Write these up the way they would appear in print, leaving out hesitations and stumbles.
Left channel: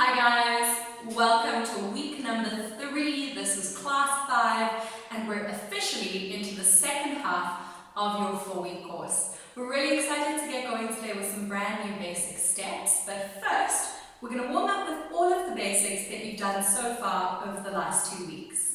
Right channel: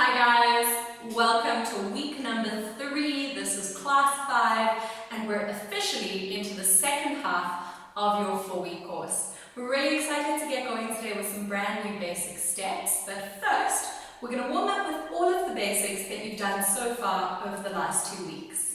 Hi guys, welcome to week number 3. This is class 5 and we're officially into the second half of your 4-week course. We're really excited to get going today with some brand new basic steps, but first we're going to warm up with all of the basics that you've done so far over the last 2 weeks.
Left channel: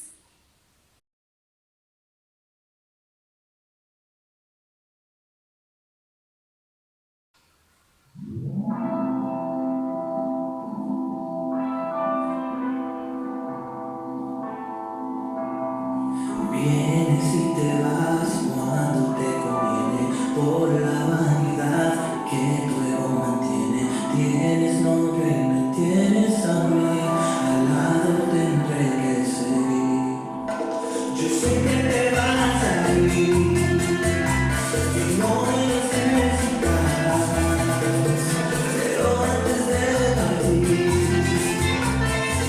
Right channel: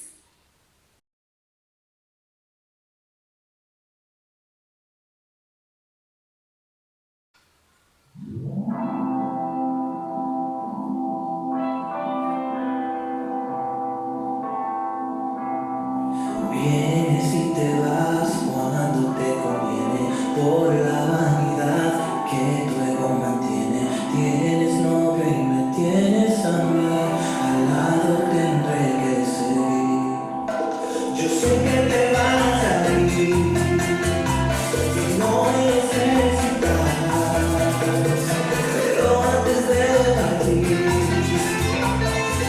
Vienes y te vas cuando te conviene, por la vanidad que tu ego mantiene. Tienes novio y me tienes a mí, al lado tendré que seguir. Yo sé que te vas a ir y no necesitas, pero antes de partir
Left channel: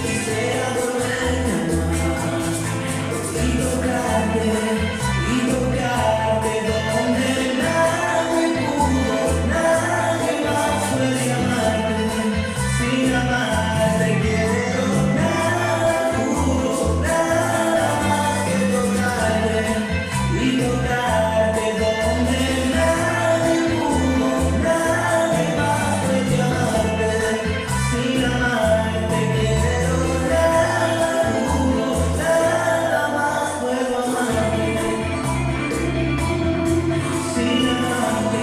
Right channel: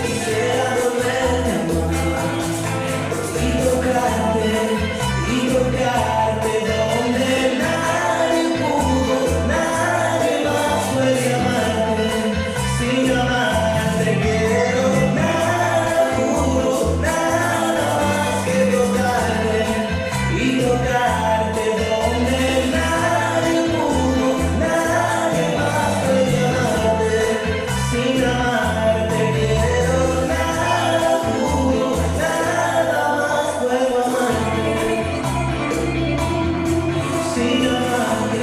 quisiera volverte a amar. Y tocarte donde nadie pudo, nadie más puede amarte. Sin amarte quiero nada puro, nada más que tocarte y tocarte donde nadie pudo, nadie más puede amarte. Sin amarte quiero nada puro, nada más puedo amarte. Sin amarte.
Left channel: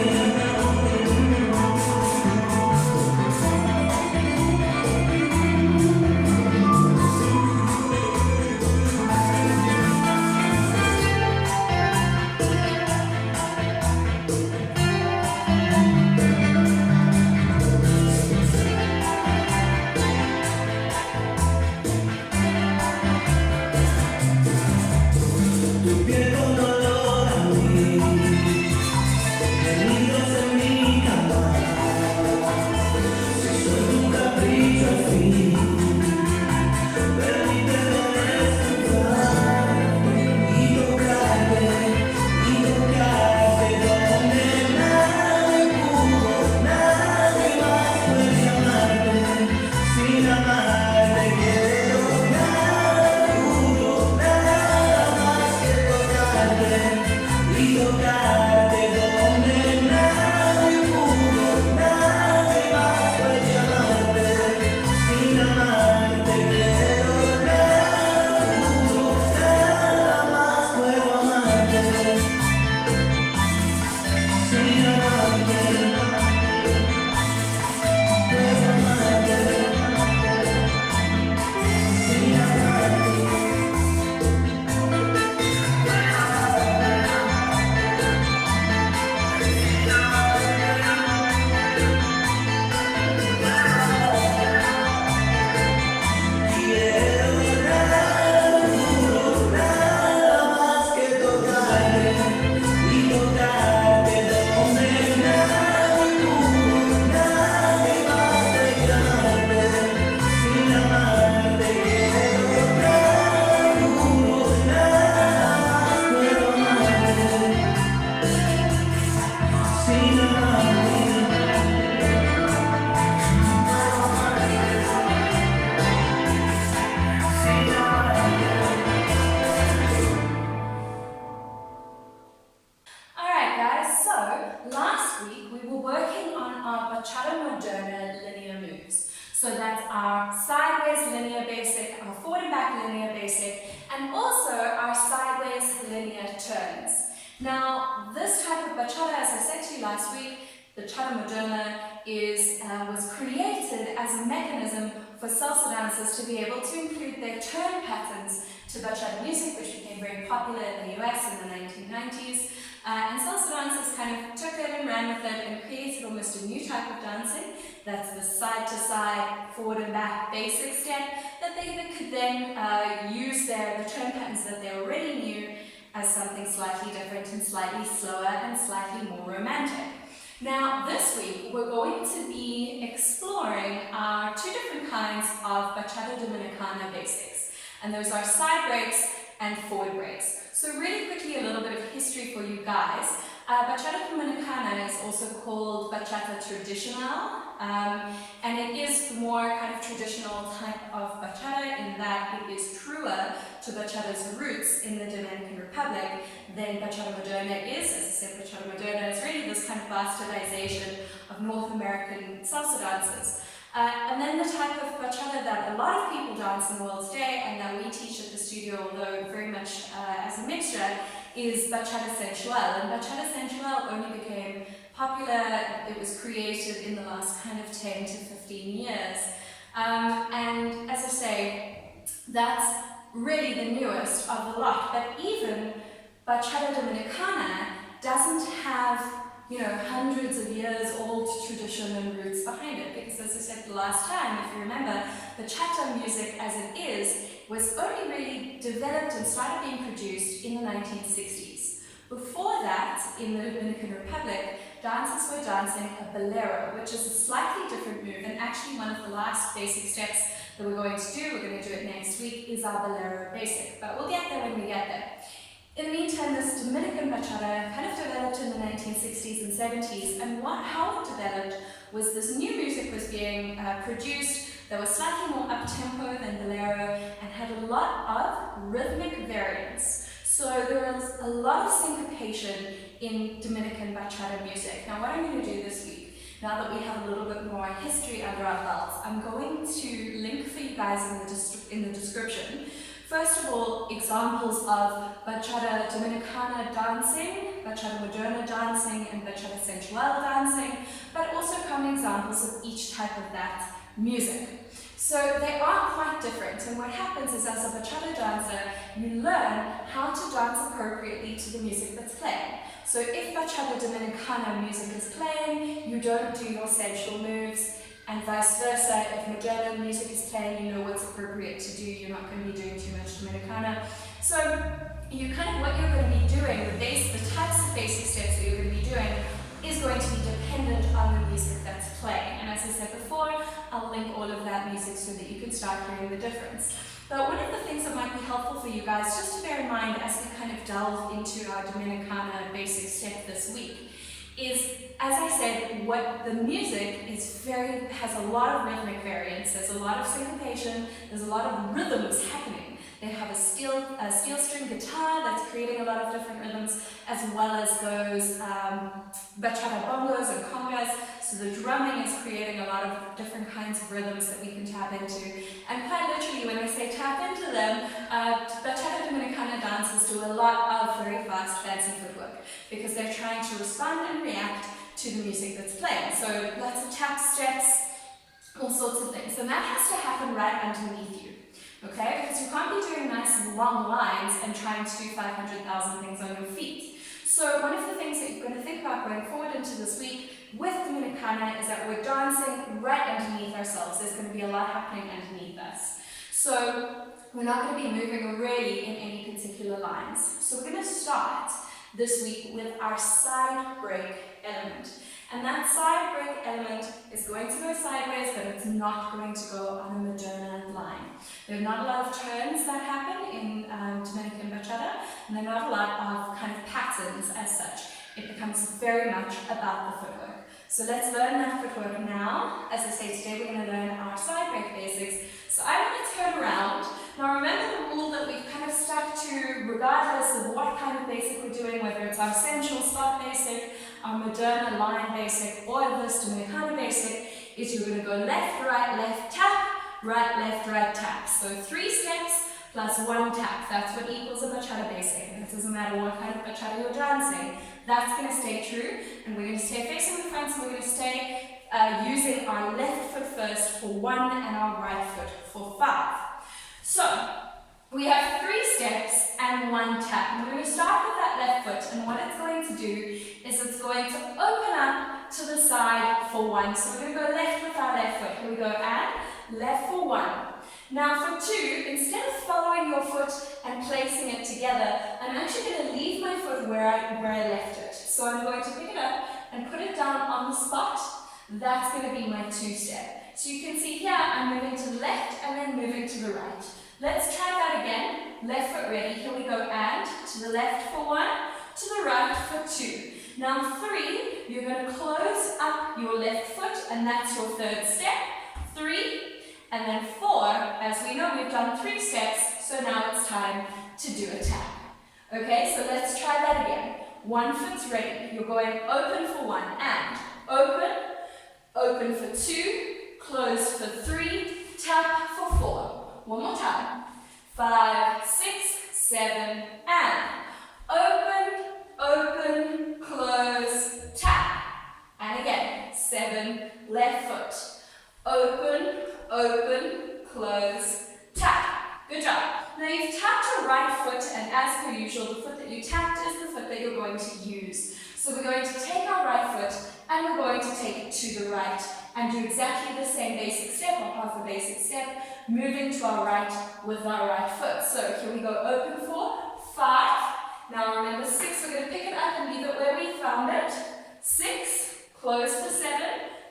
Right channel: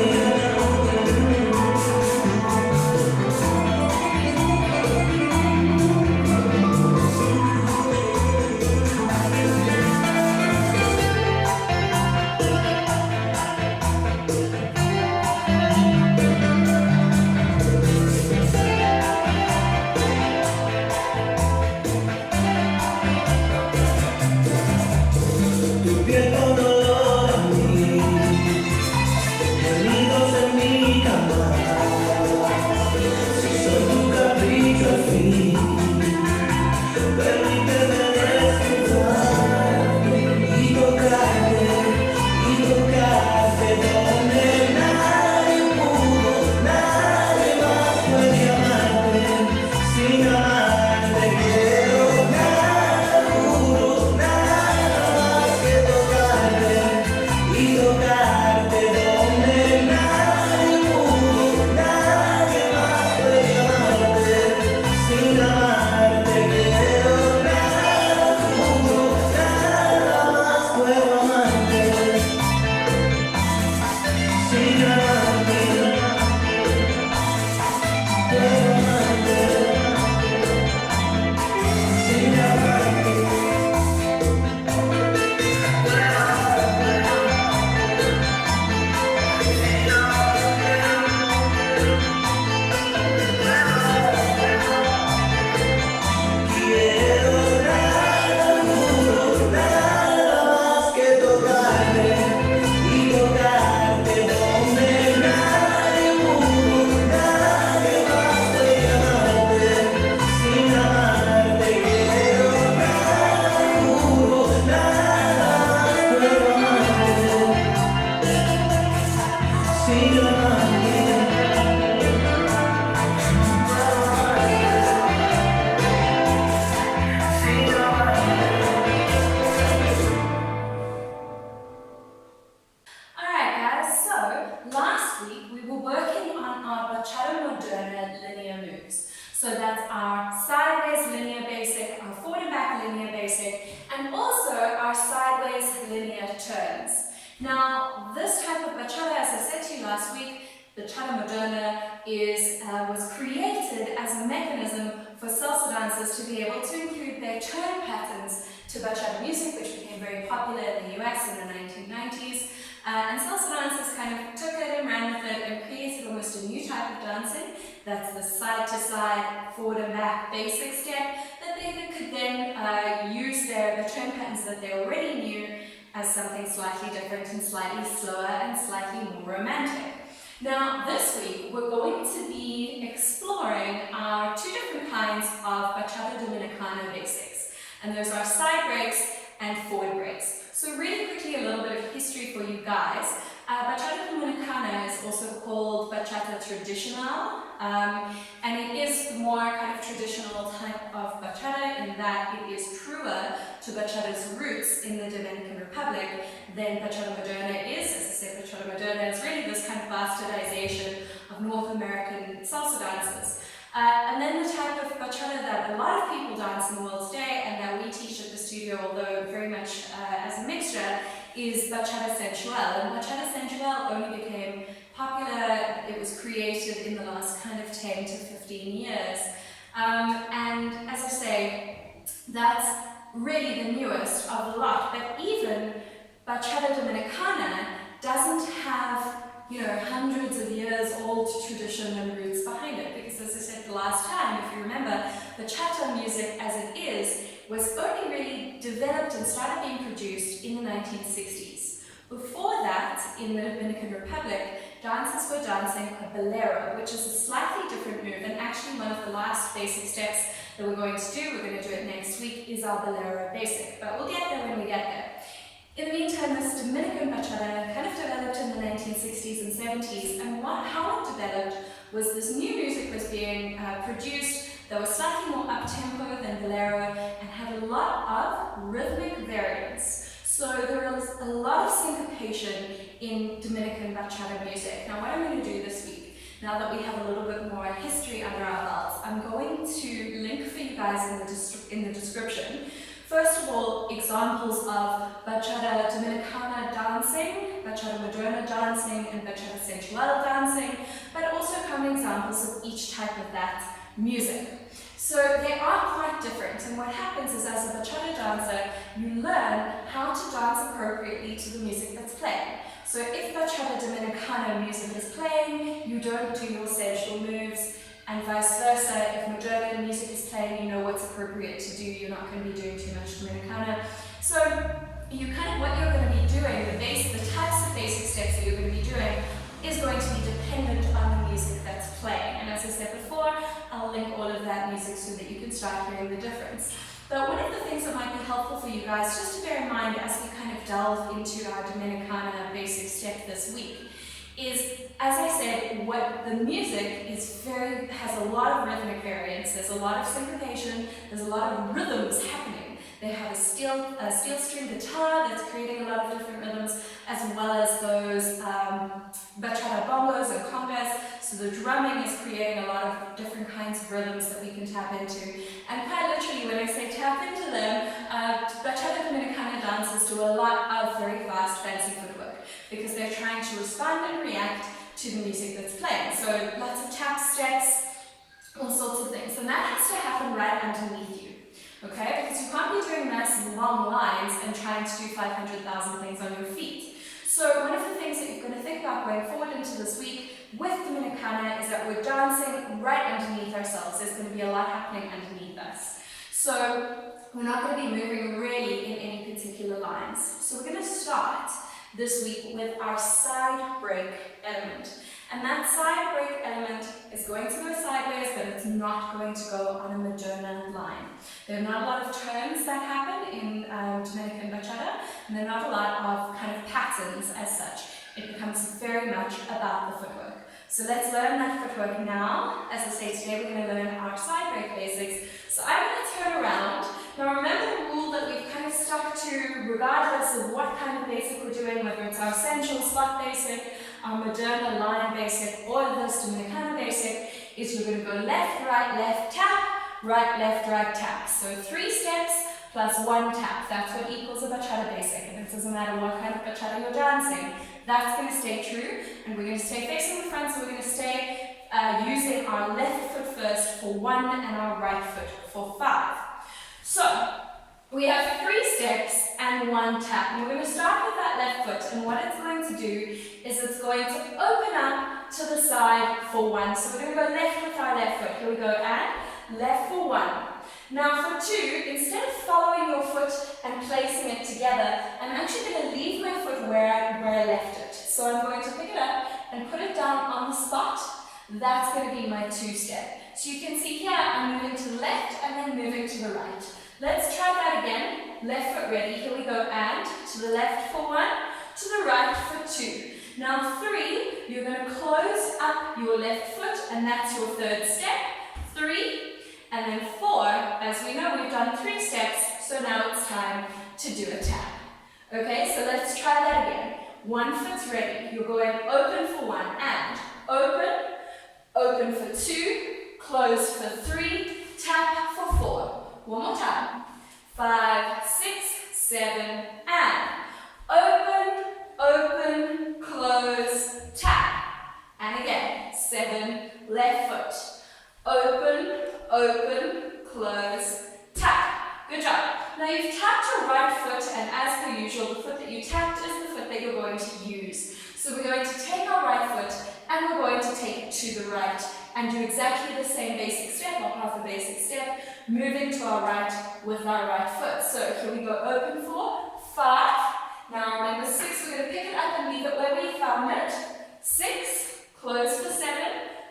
Tu piel con dolor a mí, gemidos en mi cama. Si soy tu capricho al fin, permíteme descansar y tocarte donde nadie pudo, nadie más puede amarte. Sin amarte quiero nada puro, nada más que tocarte y tocarte donde nadie pudo, nadie más puede amarte. Sin amarte quiero nada puro, nada más puedo amarte. Sin amarte puedo amarte. Sin amarte. Quiero nada puro, nada más que tocarte y tocarte donde nadie pudo, nadie más puede amarte. Sin amarte quiero nada puro, nada más puedo amarte. Sin amarte. Alright guys, so last week we were working on our Bacahata Moderna linear moves. So that's our sideways linear basic, our forward and back linear basic, and also our sideways linear turns. Now this type of Bacahata, as I said to you last week, Bacahata Moderna was created as a mechanism for salsa dancers to be able to include their turn patterns to bachata music, which became very popular in the US in the 1990s. And salsa dancers kind of took it and ran with it and created almost a new type of dancing. That's the side-to-side, forward and back basic step that they could then use the turn patterns that they already knew as something slightly different and slightly slower and slightly more romantic. Now this week we're going to be exploring our 2 different kinds of Bachata Dominicana basics, and those are side breaks and forward breaks. So really quickly, a little bit of history for you guys. Bachata Dominicana is also called Bachata bachata tradicional, and it is more kind of traditional type of bachata in that it is truer to bachata's roots in the Dominican Republic than bachata moderna is. As I said, bachata moderna is really this kind of bastardization of North American salsa dances. And then the type of bachata that a lot of people dance in the world today, and that we teach at the studio, although very much as a mixture, is bachata sensual. And bachata sensual only became popular, it was created in the last kind of 10 to 15 years. And as I say, that's really the newest of the lot. But even bachata dominicana doesn't have, hundreds of years old tradition and roots behind it, because as I said the last time, if you remember, bachata music as it is was only really developed and started being produced in the 1960s. Before that, in the Dominican Republic, dancers were dancing a bolero, which is a slightly different move, and actually one of the last basic steps that we're going to do it next week, is our bolero basic, but we'll get there when we get there. In the meantime, this Dominican bachata kind of developed in the 1960s and 70s, and how it developed was this new music was being produced that was slightly more up-tempo than bolero and had a lot of rhythmic variance. So there was a lot of syncopation in Dominican bachata music. Now what I'm going to do this week, now that we have a little bit more history under our belts, I'm going to link for you guys in the description. First of all, examples of bachata dominicana dancing, bachata moderna dancing, and bachata sensual dancing, but also common examples of each type of that music. So they are quite different, and what happens is, as a bachata dancer, you learn how to dance appropriately to the music that's playing. So if bachata dominicana music is playing, you don't do your sensual moves, and vice versa. If moderna music is playing, you know what's appropriate to do. You're not going to be doing too much dominicana. So what you're going to be doing, the types of basic steps that you're going to be doing is going to be dependent on the music that's playing. And as I said before, I'll link all of that music so that you can start hearing the difference. But one of the things that might be helpful for you guys, just to bear in mind as we kind of delve into our Dominicana basic step this week, is, as I said, what the music has a lot of rhythmic variance. There's a lot of syncopation, there's a lot of rhythms happening. They have a steel string guitar that's creating a lot of different rhythms, as well as those bachata bongos and congas. So the drumming is creating a lot of different kinds of rhythms that we can tap into. And quite literally, when I say tap into them, bachata dominicana dancers do a lot of very fast, fancy footwork, because they're trying to respond and react to the music that's playing. So lots of tap steps, all sorts of things. And that has to happen right underneath you. Okay, because you can't be doing nice long lines and trying to do 500,000 things on your feet. So one of the things that you're going to think about going forward into this week with Dominicana is that we're dancing right underneath ourselves. There's going to be a lot happening underneath us. So we're not going to be moving really in any particular lines. So we're going to start this week with our side break element. And that side break element is going to go sideways, but it's not going to go on a moderna line. There are not a lot of turns that happen in Dominican bachata, and there are not a lot of kind of patterns as such. It becomes very much about the footwork. So let's learn that footwork now. As I say, today we're going to learn our side break basics. So I'm going to turn around. Now remember the rule that we've kind of stuck to regardless of what kind of basic we're doing, whether it's our sensual spot basic, our moderna line basic, or this Dominicana basic, is you're going to go left, right, tap, right, tap. So 3 steps plus 1 tap. That's what equals a bachata basic. And it doesn't matter what kind of bachata you're dancing. That's going to stay true. And we're going to stay facing the front, so we're going to stay using our left foot first for 1 and our right foot for 5. So we have 3 steps and 1 tap. And we're going to start with that left foot, and what it's going to do is it's going to open up to the side for 1. So we're going to go left with our left foot. Here we go, and left for 1. Now for 2, instead of following your foot and placing it together, I'm actually going to leave my foot where I left it. So I'm going to pick it up and put it down on the spot. That's going to be my 2 step. So you can see here, I'm moving to the left and then moving to the right. Let's try that again. Left foot ready. Here we go, and to the left for 1, to the right for 2. Now 3, you're going to close up your left foot, and that's your third step. 3, and then 4, as we know, we've done 3 steps, so now it's time to do a tap. Okay, so let's try that again. One foot's ready. You're going open for 1 and open, open for 2, close for 3, tap for 4. One more time. 5, 6, 7, and open, open, close, tap. And again, 7, left foot. Open, open, close, tap. Good job. Now you've tapped your right foot, and as per usual, the foot that you tapped is the foot that you're going to use. So we're going to take our right foot and we're going to take it to the right and do exactly the same basic step, or half a basic step, moving to our right with our right foot. So here we go, open for 5. Now remember 6, we're going to pick it up and leave it where we found it. 6, close for 7,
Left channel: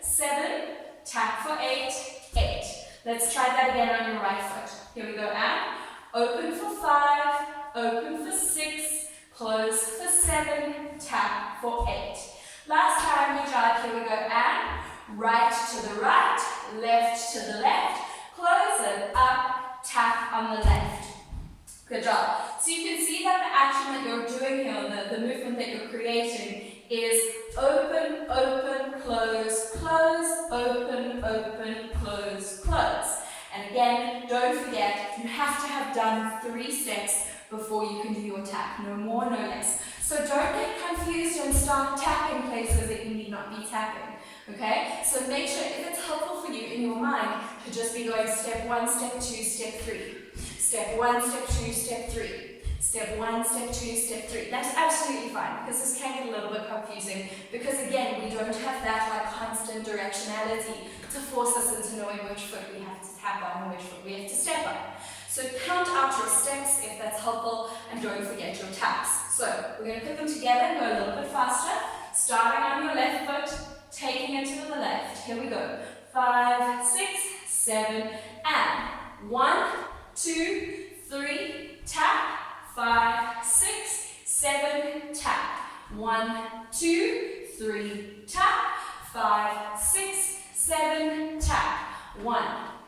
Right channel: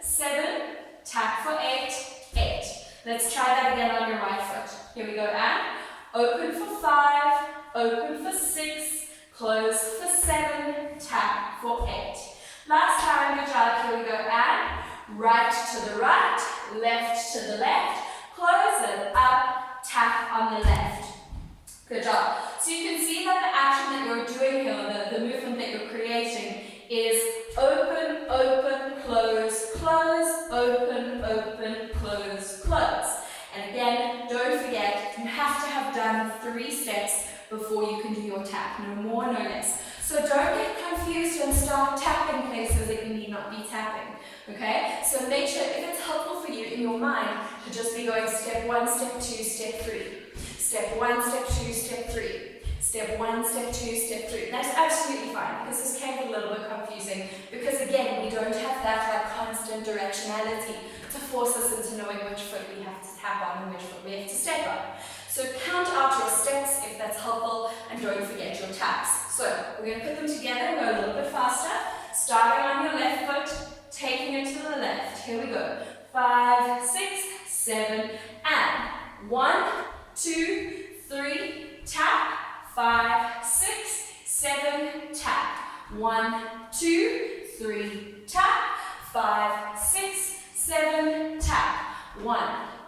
7, tap for 8, 8. Let's try that again on your right foot. Here we go, and open for 5, open for 6, close for 7, tap for 8. Last time, good job. Here we go, and right to the right, left to the left, close it up, tap on the left. Good job. So you can see that the action that you're doing here, the movement that you're creating, is open, open, close, close, open, open, close, close. And again, don't forget, you have to have done 3 steps before you can do your tap. No more, no less. So don't get confused and start tapping places that you need not be tapping. Okay? So make sure, if it's helpful for you in your mind, to just be going step 1, step 2, step 3. Step 1, step 2, step 3. Step 1, step 2, step 3. That's absolutely fine, because this can get a little bit confusing, because again, we don't have that constant directionality to force us into knowing which foot we have to tap on and which foot we have to step on. So count out your steps if that's helpful, and don't forget your taps. So we're going to put them together and go a little bit faster, starting on your left foot, taking it to the left. Here we go. 5, 6, 7, and 1, 2, 3, tap. 5, 6, 7, tap. 1, 2, 3, tap. 5, 6, 7, tap. 1,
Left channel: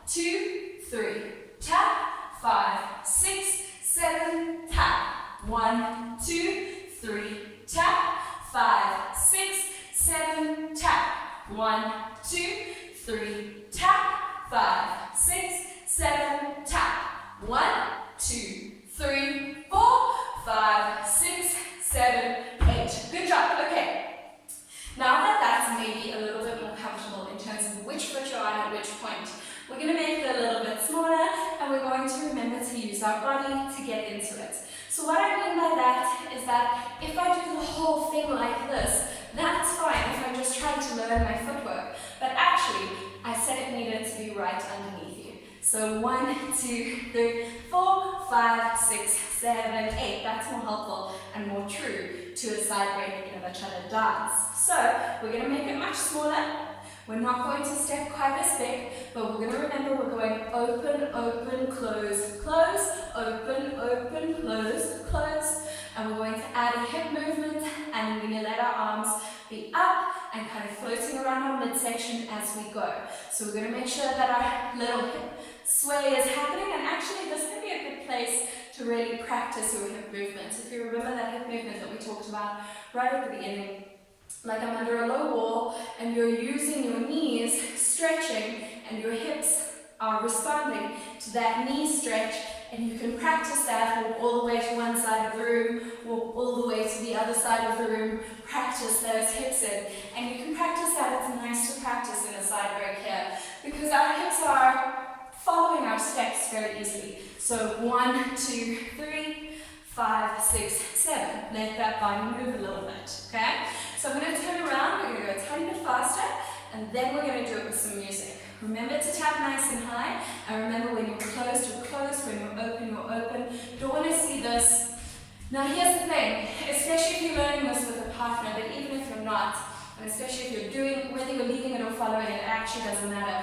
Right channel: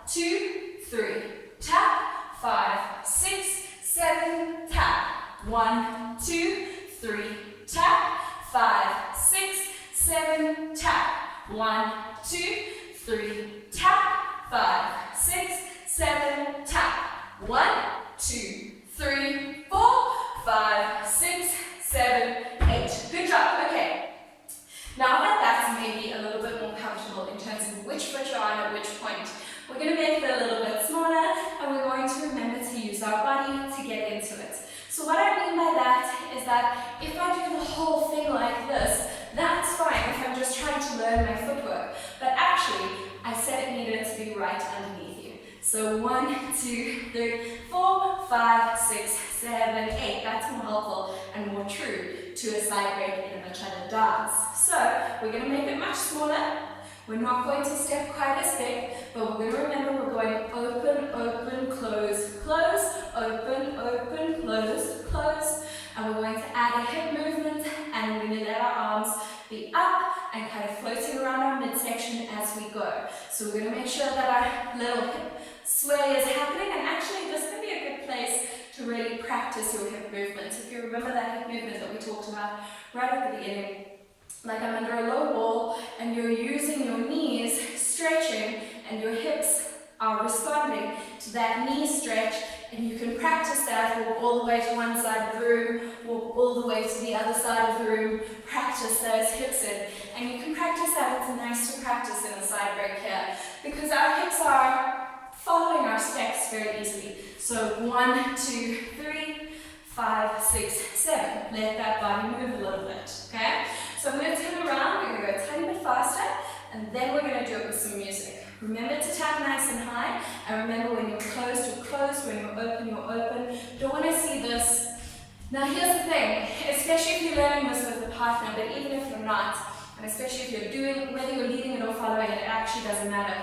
2, 3, tap. 5, 6, 7, tap. 1, 2, 3, tap. 5, 6, 7, tap. 1, 2, 3, tap. 5, 6, 7, tap. 1, 2, 3, 4, 5, 6, 7, 8. Good job. Okay. Now that that's maybe a little bit more comfortable in terms of which foot you're on at which point, we're going to make it a little bit smaller, and we're going to remember to use our body to get into it. So what I mean by that is that if I do the whole thing like this, that's fine if I'm just trying to learn my footwork. But actually, I said it needed to be right underneath you. So 1, 2, 3, 4, 5, 6, 7, 8. That's more helpful and more true to a side break in a bachata dance. So we're going to make it much smaller. We're not going to step quite as big, but we're going to remember we're going open, open, close, close, open, open, close, close. And we're going to add a hip movement, and we're going to let our arms be up and kind of floating around our midsection as we go. So we're going to make sure that our little hip sway is happening, and actually this can be a good place to really practice your hip movements. If you remember that hip movement that we talked about right at the beginning, like I'm under a low wall and you're using your knees, stretching, and your hips are responding to that knee stretch, and you can practice that, walk all the way to one side of the room, walk all the way to the other side of the room, practice those hips in. And you can practice that. It's nice to practice in a side break here, because our hips are following our steps very easily. So 1, 2, 3, 5, 6, 7. Let that body move a little bit, okay? So I'm going to turn around, we're going to go a tiny bit faster, and then we're going to do it with some music. Remember to tap nice and high, and remember when you're closed, you're closed, when you're open, you're open. Don't want to see this. Now here's the thing, especially if you're learning this with a partner, but even if you're not, and especially if you're doing, whether you're leading it or following it, it actually doesn't matter.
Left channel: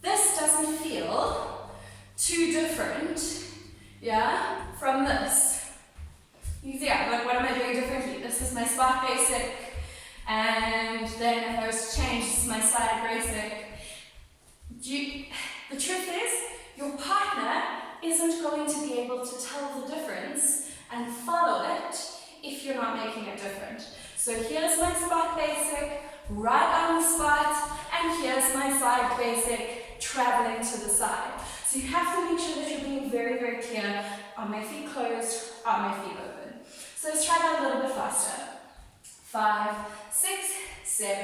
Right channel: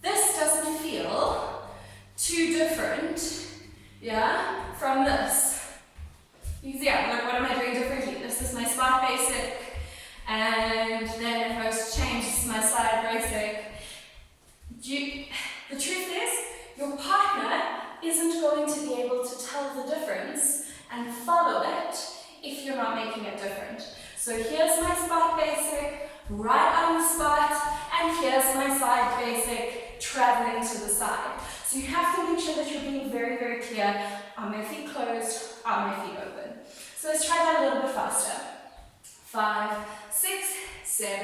This doesn't feel too different, yeah, from this. Yeah, like what am I doing differently? This is my spot basic, and then if I was to change, this is my slide basic. The truth is, your partner isn't going to be able to tell the difference and follow it if you're not making it different. So here's my spot basic, right on the spot, and here's my side basic, traveling to the side. So you have to make sure that you're being very, very clear. Are my feet closed? Are my feet open? So let's try that a little bit faster. 5, 6, 7,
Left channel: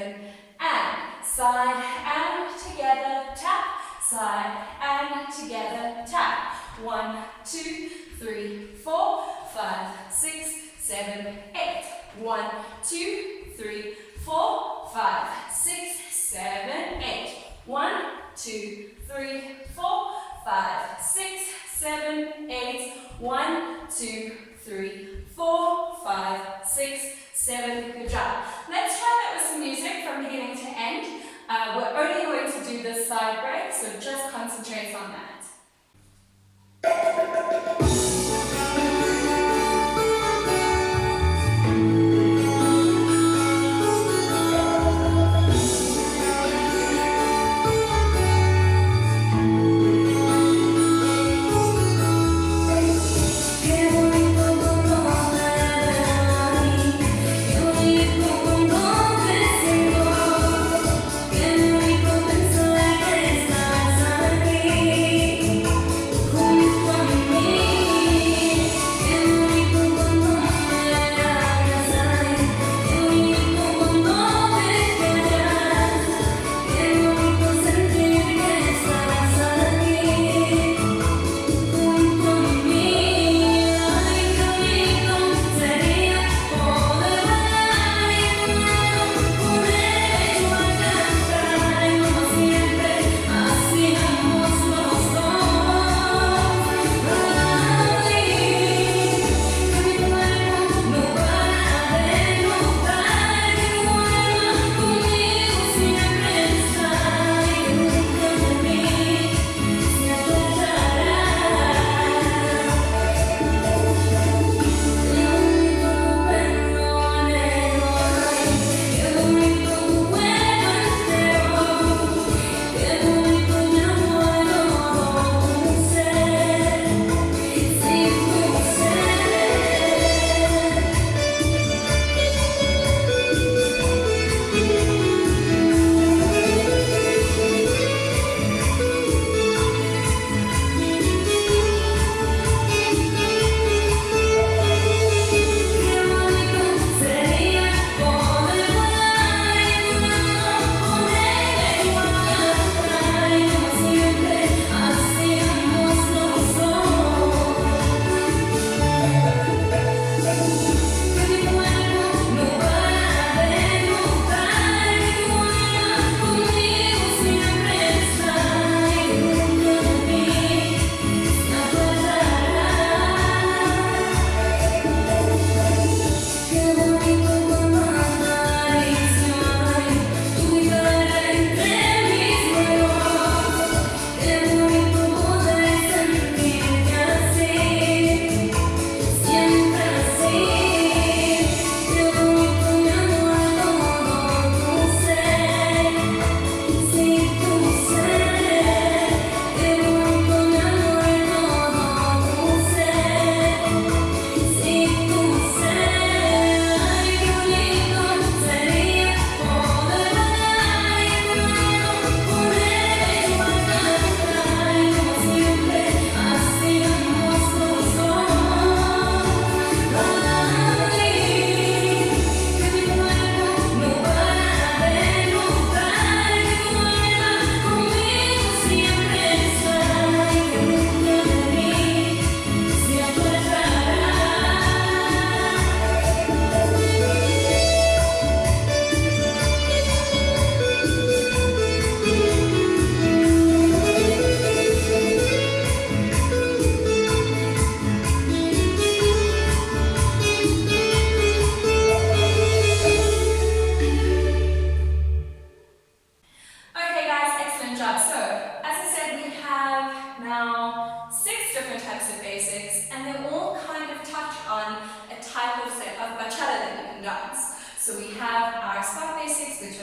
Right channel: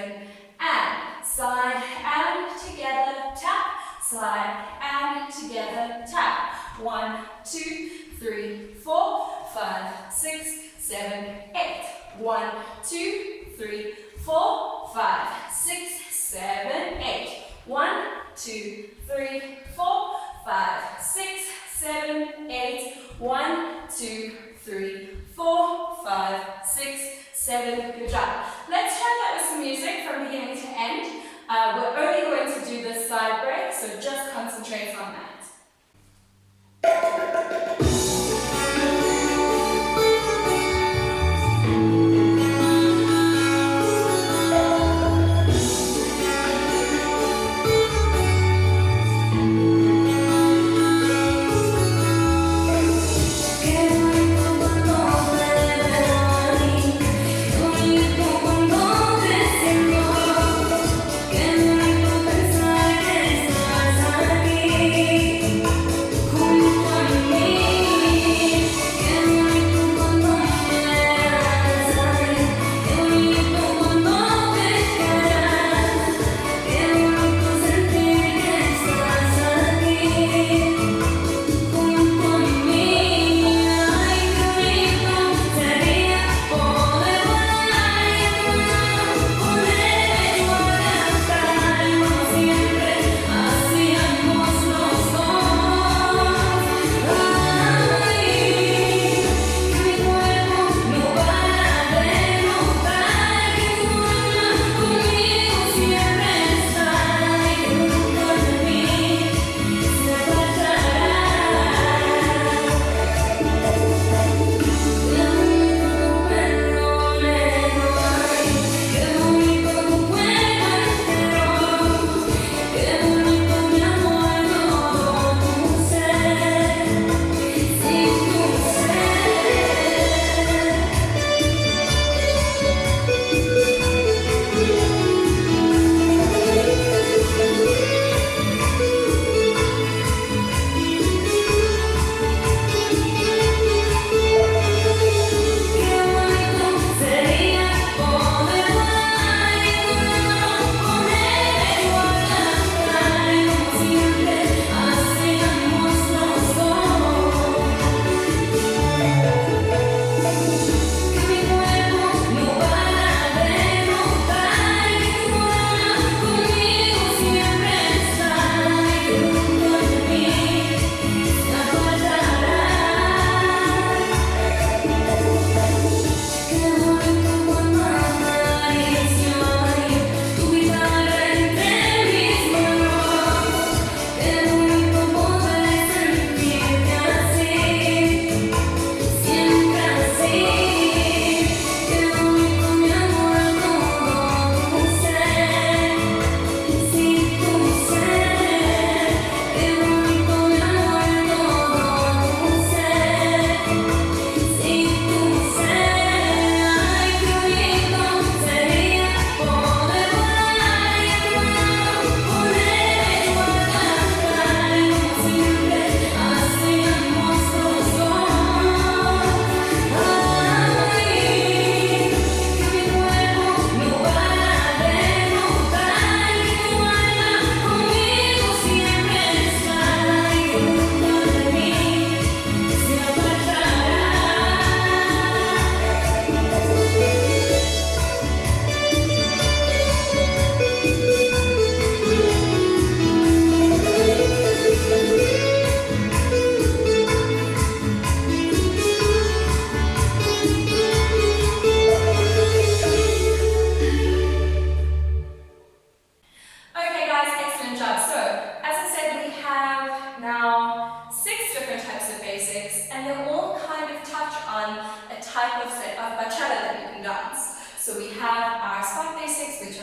and side and together, tap, side and together, tap. 1, 2, 3, 4, 5, 6, 7, 8. 1, 2, 3, 4, 5, 6, 7, 8. 1, 2, 3, 4, 5, 6, 7, 8. 1, 2, 3, 4, 5, 6, 7. Good job. Let's try that with some music from beginning to end. We're only going to do this side break, so just concentrate on that.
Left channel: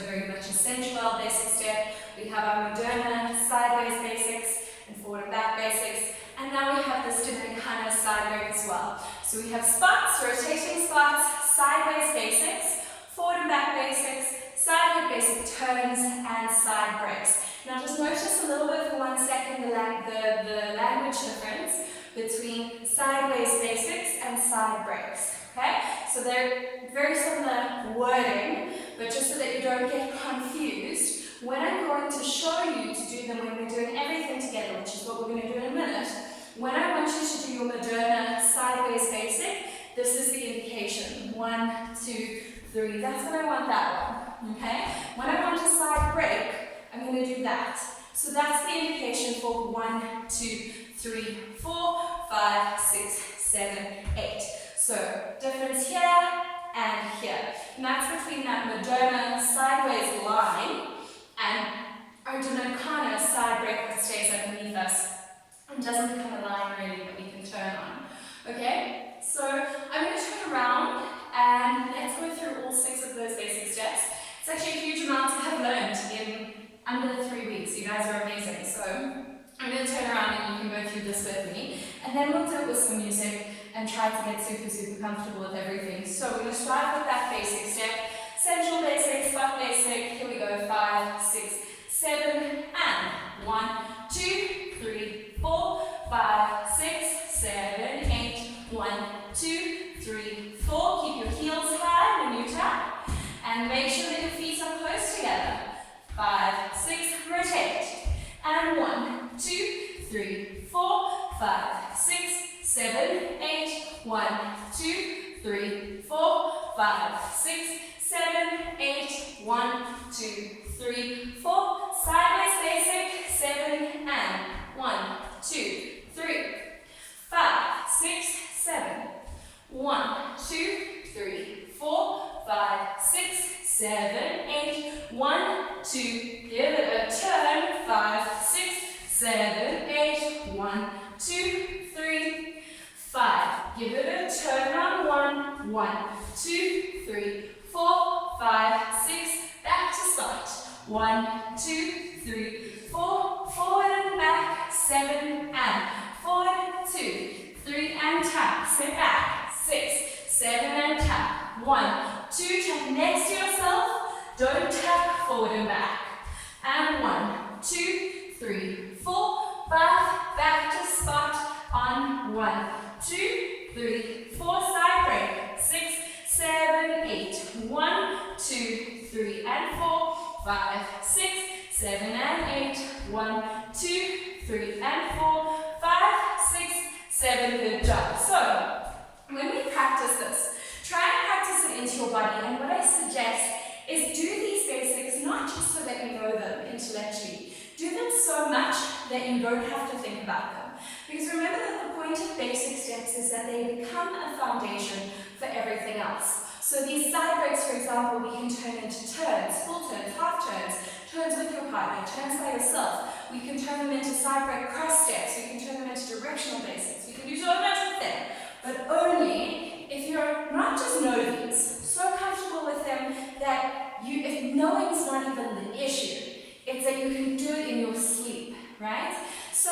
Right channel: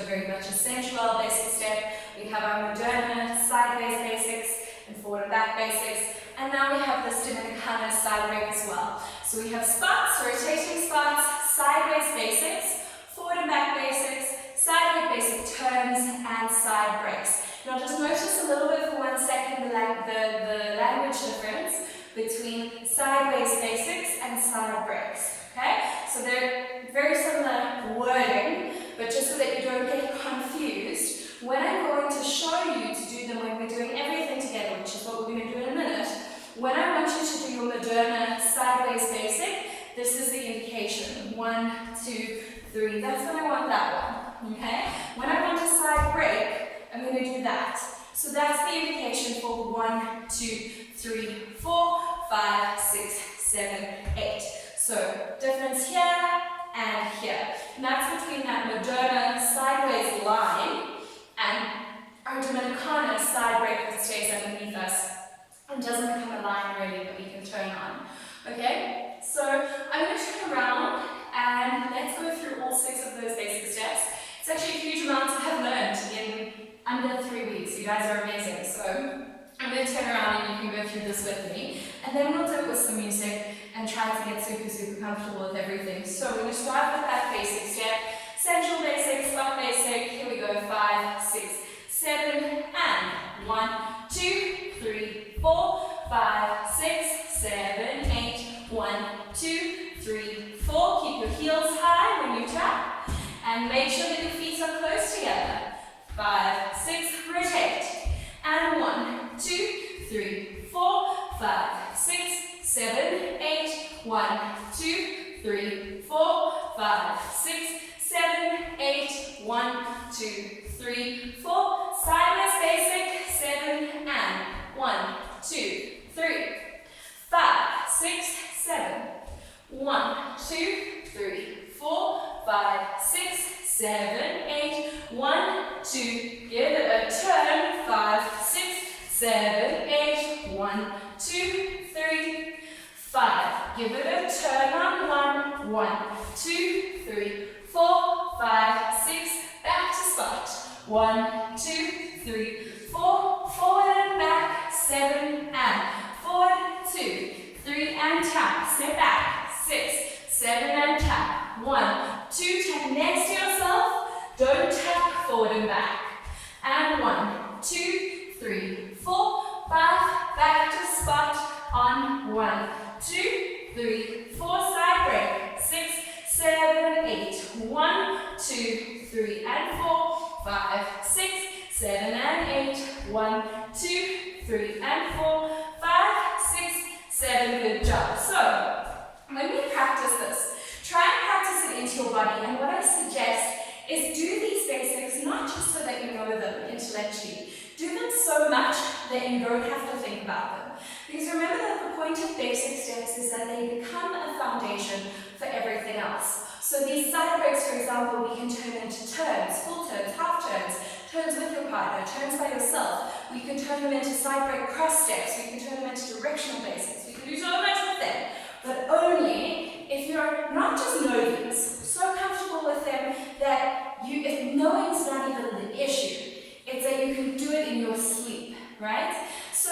very much a sensual basic step. We have our Moderna sideways basics and forward and back basics. And now we have this Dominicana side break as well. So we have spots, rotating spots, sideways basics, forward and back basics, sideway basic turns, and side breaks. Now just notice a little bit for 1 second the language difference between sideways basics and side breaks. Okay? So they're very similar wording, but just so that you don't get confused, when I'm going to show you to do them when we're doing everything together, which is what we're going to do in a minute, when I want you to do your Moderna sideways basic, this is the indication. 1, 2, 3. That's when I want that one. Okay? When I want a side break, I'm going to do that. So that's the indication for 1, 2, 3, 4, 5, 6, 7, 8. So difference here and here. And that's between that Moderna sideways line and our Dominicana side break that stays underneath us and doesn't become a line really that we can turn on. Okay? So I'm going to turn around and let's go through all 6 of those basic steps. It's actually a huge amount to have learned in under 3 weeks. You guys are amazing. So I'm going to turn around and you can go through this with me. And then we'll do it with some music and try to get super comfortable with everything. So we're going to start with that basic step. Central basic, spot basic. Here we go. 5, 6, 7, and 1, 2, 3, 4, 5, 6, 7, 8. 1, 2, 3, 4. Keep your heels high when you tap. And make sure that your feet are close together. 5, 6, rotate. And 1, 2, 3, 4, 5, 6, 7, 8. 1, 2, 3, 4, 5, 6, 7, 8. 1, 2, 3, 4. Sideways basic. 7 and 1, 2, 3, 5, 6, 7. 1, 2, 3, 4, 5, 6, 7, 8. 1, 2. Give it a turn. 5, 6, 7, 8. 1, 2, 3, 5. Give it a turn on 1. 1, 2, 3, 4, 5, 6. Back to spot. 1, 2, 3, 4. Forward and back. 7 and forward. 2, 3 and tap. Step back. 6, 7 and tap. 1, 2. Tap next to yourself. Don't tap forward and back. And 1, 2, 3, 4, 5. Back to spot on 1, 2, 3, 4. Side break. 6, 7, 8. 1, 2, 3 and 4. 5, 6, 7 and 8. 1, 2, 3 and 4. 5, 6, 7. Good job. So when we practice this, try and practice it into your body. And what I suggest is do these basics not just so that you know them intellectually. Do them so much that you don't have to think about them. Because remember that the point of basic steps is that they become a foundation for everything else. So these side breaks, for example, we can turn into turns, full turns, half turns, turns with your partner, turns by yourself. We can turn them into side break cross steps. We can turn them into directional basics. We can do so much with them. But only if you're not just know these, so comfortable with them that if knowing's not even the issue, it's that you can do it in your sleep, right? So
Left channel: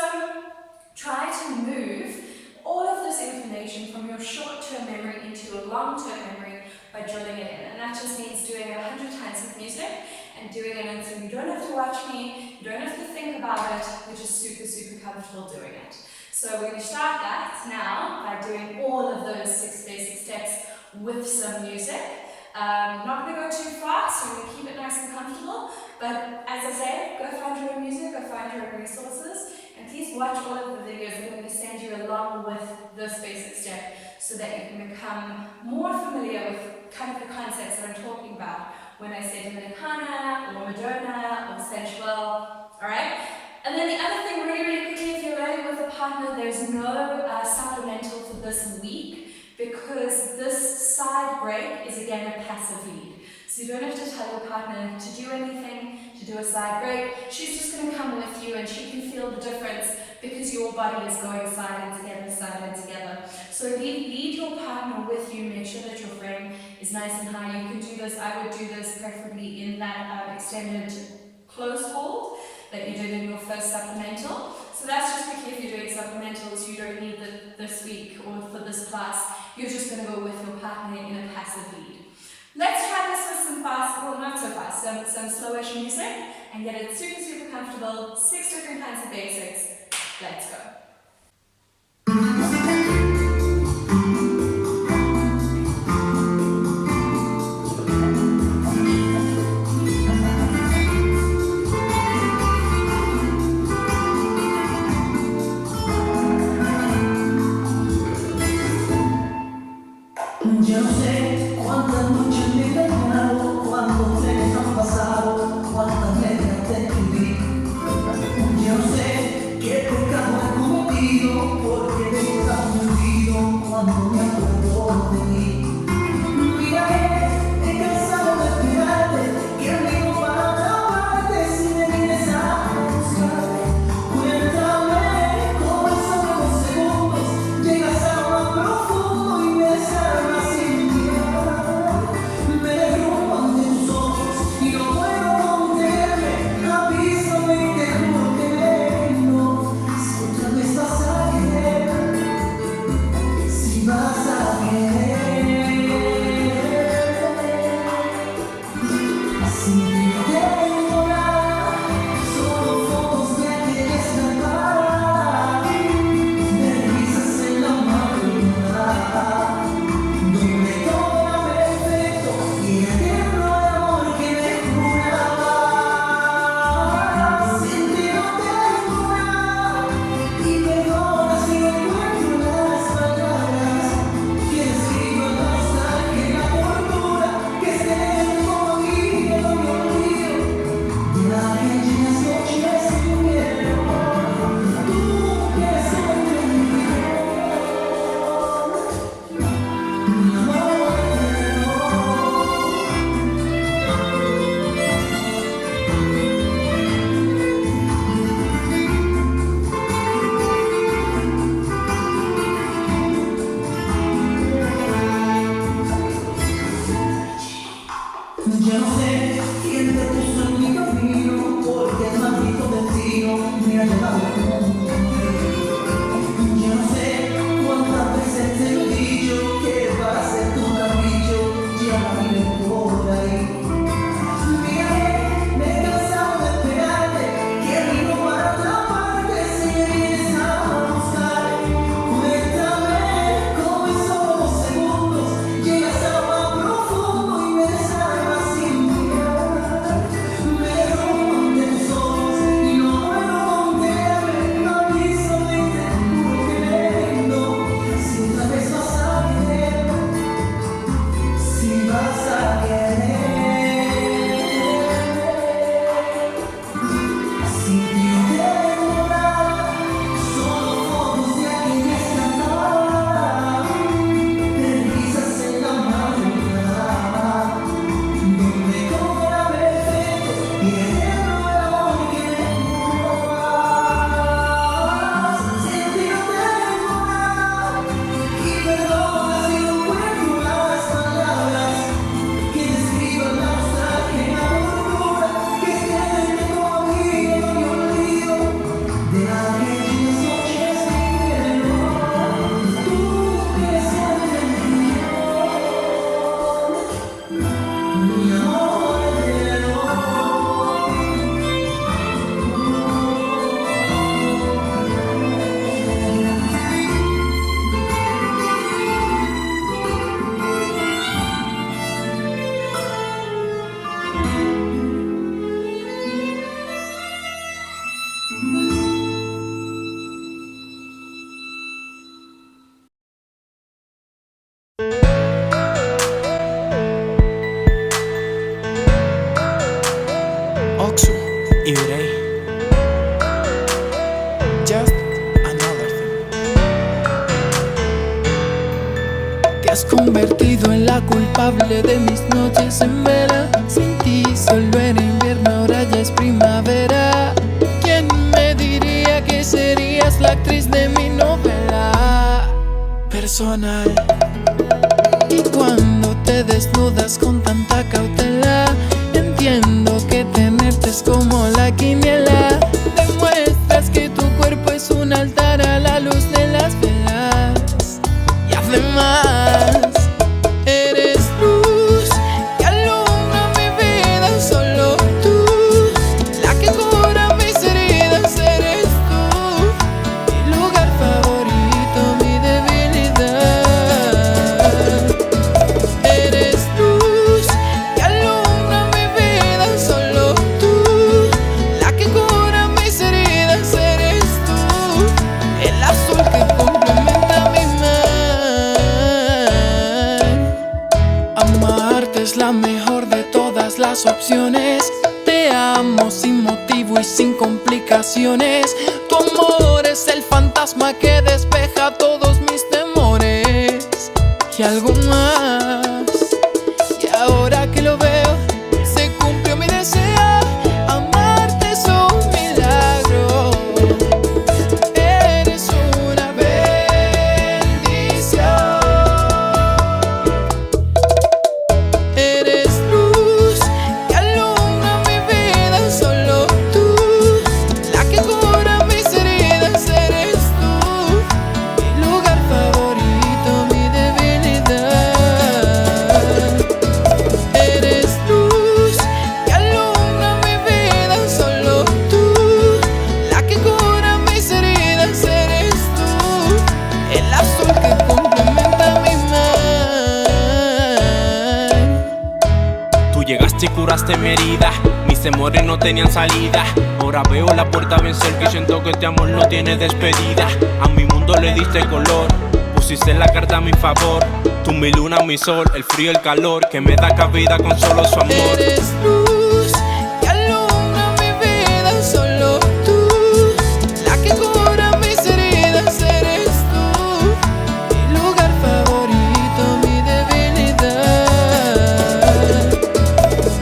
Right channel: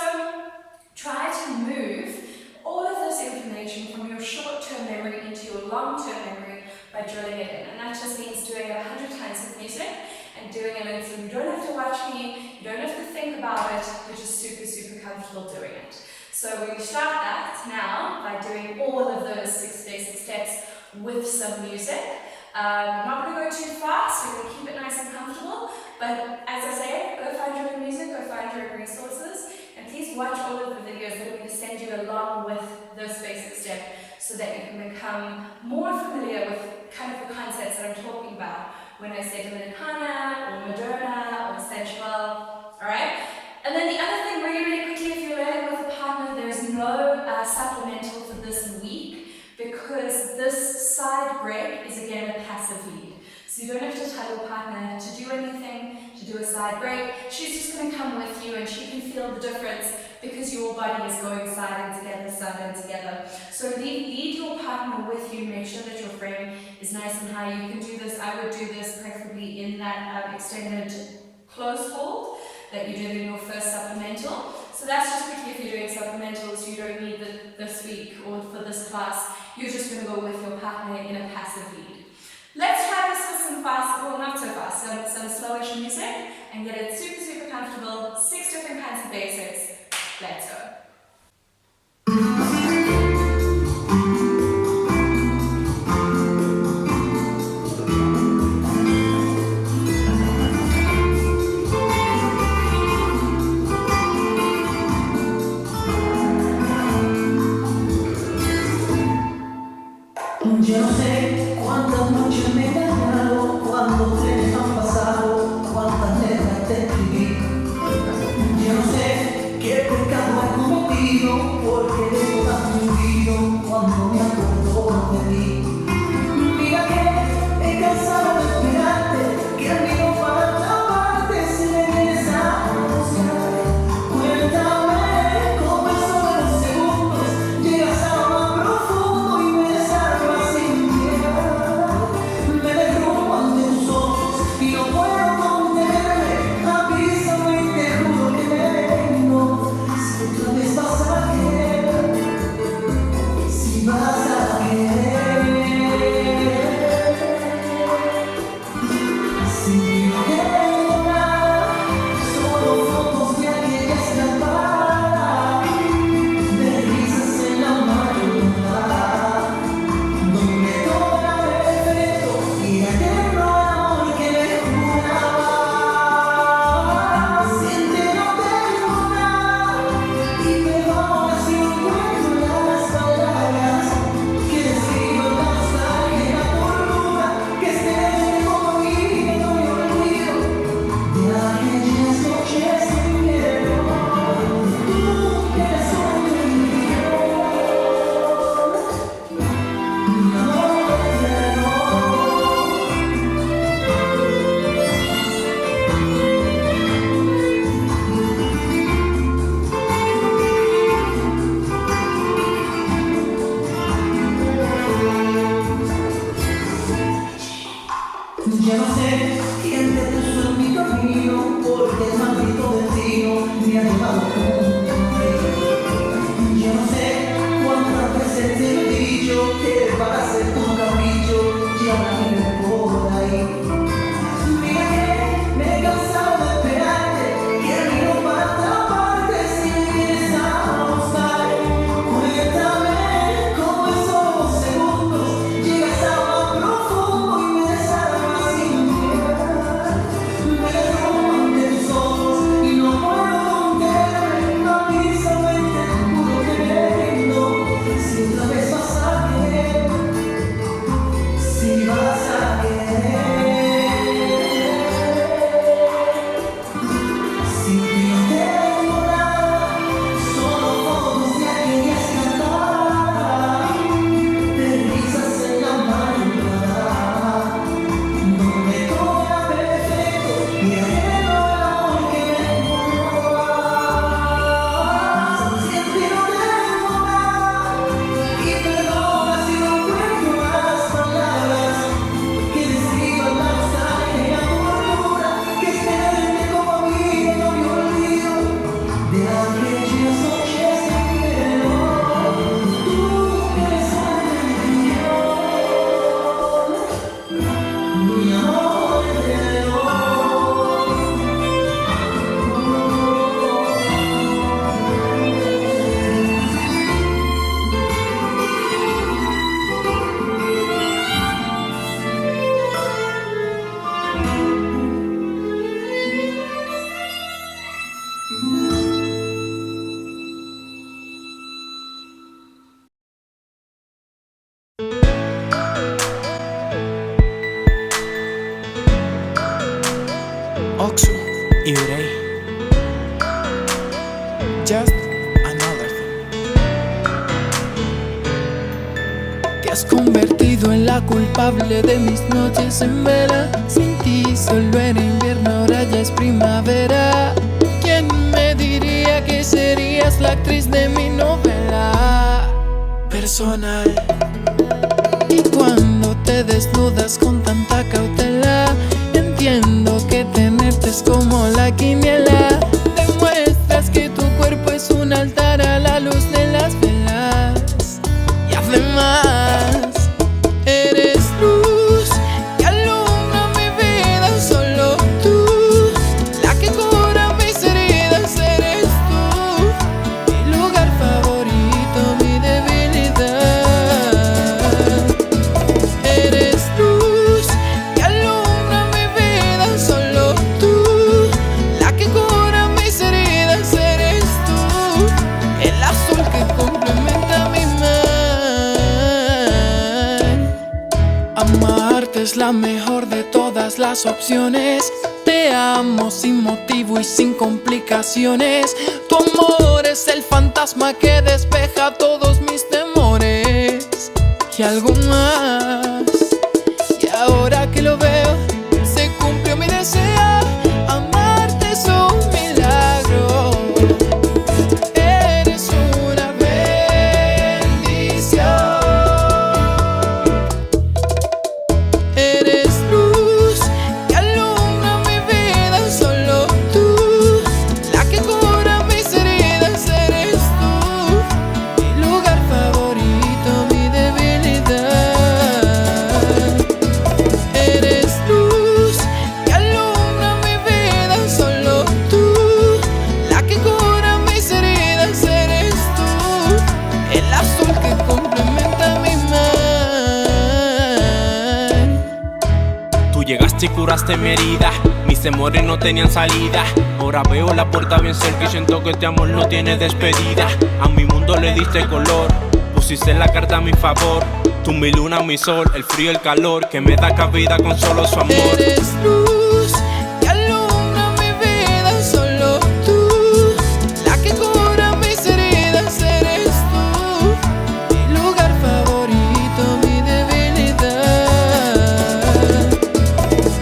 try to move all of this information from your short-term memory into your long-term memory by drilling it in. And that just means doing it 100 times with music and doing it in, so you don't have to watch me, you don't have to think about it, you're just super comfortable doing it. So we're going to start that now by doing all of those 6 basic steps with some music. Not going to go too fast, we're going to keep it nice and comfortable, but as I say, go find your own music, go find your own resources, and please watch all of the videos that we're going to send you along with this basic step so that you can become more familiar with kind of the concepts that I'm talking about when I say Dominicana or Moderna or sensual, alright? And then the other thing really quickly, if you're learning with a partner, there's no supplemental for this week because this side break is again a passive lead. So you don't have to tell your partner to do anything, to do a side break. She's just going to come with you and she can feel the difference because your body is going side and together. So lead your partner with you. Make sure that your frame is nice and high. You can do this, I would do this preferably in that extended close hold that you did in your first supplemental. So that's just quickly if you're doing supplementals, you don't need this week or for this class. You're just going to go with your partner in a passive lead. Let's try this with some fast, well not so fast, some slowish music and get it super, super comfortable. 6 different kinds of basics. Let's go. Yo no sé cuántas noches me he engañado, cuántos trenes han pasado, cuántas letras te escribí. Yo no sé qué pecado he cometido, porque de todas me olvido cuando me acuerdo de ti. Mira que he cansado de esperarte, que amigo para taparte si me vienes a buscar. Cuéntame cómo en solo 2 segundos llegas a lo más profundo y me desarmas sin piedad. Me derrumbo ante tus ojos y no puedo contenerme. Avísame y te juro que vengo. Si otra vez vas a querer, si vas a querer. Sin ti no tengo nada, solo fotos de aquella escapada, de risas en la madrugada, donde todo era perfecto y era eterno el amor que me juraba. Sin ti no tengo nada, y perdona si no encuentro las palabras que describan la nostalgia y la tortura que esté como a mí, que no me olvido de aquellas noches de invierno. Tú que eres sueño en mi amor eterno. Yo no sé quién te puso en mi camino, porque el maldito destino me ha llevado junto a ti. Yo no sé cuántas veces te lo he dicho, que para ser tu capricho ya la viven por ahí. Mira que me he cansado de esperarte, que vino para atraparte si me vienes a buscar. Cuéntame cómo en solo 2 segundos llegas a lo más profundo y me desarmas sin piedad. Me derrumbo ante tus ojos y no puedo contenerme. Avísame y te juro que vengo. Si otra vez vas a querer, si vas a querer. Sin ti no tengo nada, solo fotos de aquella escapada, de risas en la madrugada, donde todo era perfecto y era eterno el amor que me juraba. Sin ti no tengo nada, y perdona si no encuentro las palabras que describan la nostalgia y la tortura que es tenerte como a mí, que no me olvido de aquellas noches de invierno. Tú que eres sueño en mi amor eterno. Oxu, Ibrey. Just another thing. Te has convertido en la culpable de mis noches en vela. Sin ti solo era invierno, ahora ya es primavera. ¿Quién me diría que serías la actriz de mi novela personal. Y cuando te desnudas con tanta cautela, entiendo que tenerte es como la quiniela. Demuestras que tu cuerpo es un altar a la luz de las velas. Y además, eres luz que alumbra mi vida. Solo tú, la que cura mis heridas. Eres tú, mi lugar favorito, mi debilidad. Eres luz que alumbra mi vida. Solo tú, la que cura mis heridas. Eres tú, el azul que complementa mi mar. Amarte es la mejor de todas las opciones. Te amo sin motivo y sin complicaciones. Tu amor es el fantasma que despeja todos mis temores y algo más. Y ahora que lo veo, se cumplió mi deseo. Amarte es un milagro. Eres una bendición. Eres luz que alumbra mi vida. Solo tú, la que cura mis heridas. Eres tú, mi lugar favorito, mi debilidad. Eres luz que alumbra mi vida. Solo tú, la que cura mis heridas. Eres tú, el azul que complementa mi mar. Tú llegaste y curaste mi herida, mis temores no tenían salida. Ahora veo la puerta bien cerca y siento que este amor no tiene despedida. A mi mundo le diste color, pusiste la carta a mi favor. Tú mi luna, mi sol, el frío, el calor, que me da cabida con solo su amor. Eres luz que alumbra mi vida. Solo tú, la que cura mis heridas. Eres tú, mi lugar favorito, mi debilidad.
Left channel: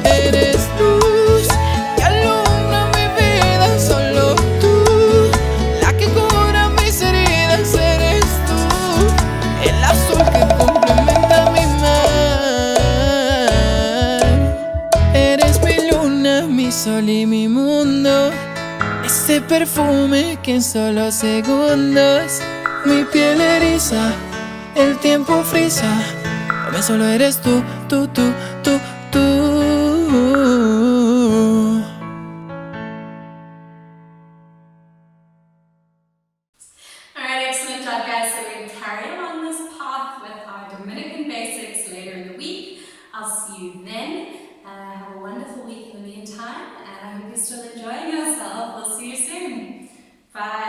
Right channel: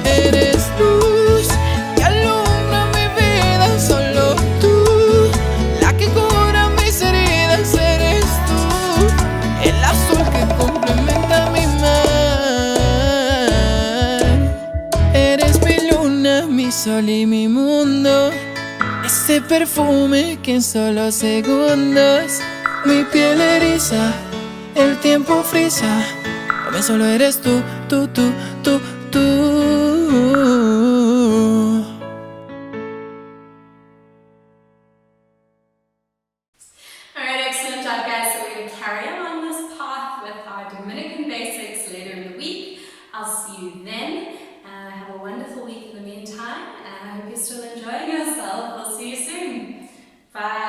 Eres luz que alumbra mi vida. Solo tú, la que cura mis heridas. Eres tú, el azul que complementa mi mar. Eres mi luna, mi sol y mi mundo. Ese perfume que en solo segundos mi piel eriza, el tiempo frisa. Para mí solo eres tú, tú, tú, tú, tú. Alright, excellent job guys. So we're going to carry along this path with our Dominican basics later in the week. I'll see you then. Have a wonderful week in the meantime, and I hope you're still enjoying yourself. We'll see you soon. Bye.